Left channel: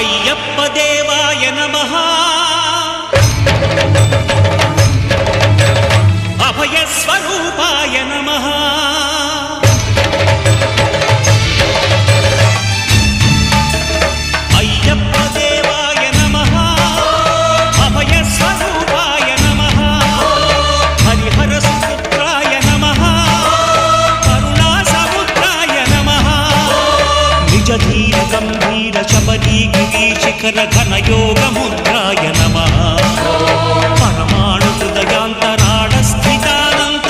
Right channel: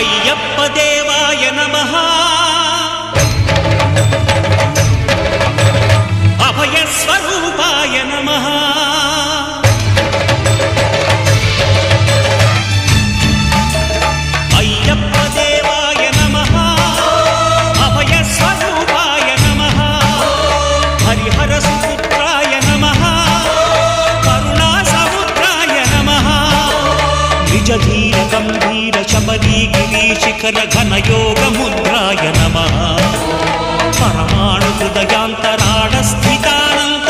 అయ్యప్ప దేవాయ నమః అభయ స్వరూపాయ నమః అయ్యప్ప దేవాయ నమః అభయ స్వరూపాయ నమః హరిహర సుపుత్రాయ నమః కరుణా సముద్రాయ నమః నిజ ధీర గంభీర శబరీ గిరీశిఖర ఘనయోగ ముద్రాయ నమః పరమాణు హృదయాంతరాళ స్థితానంత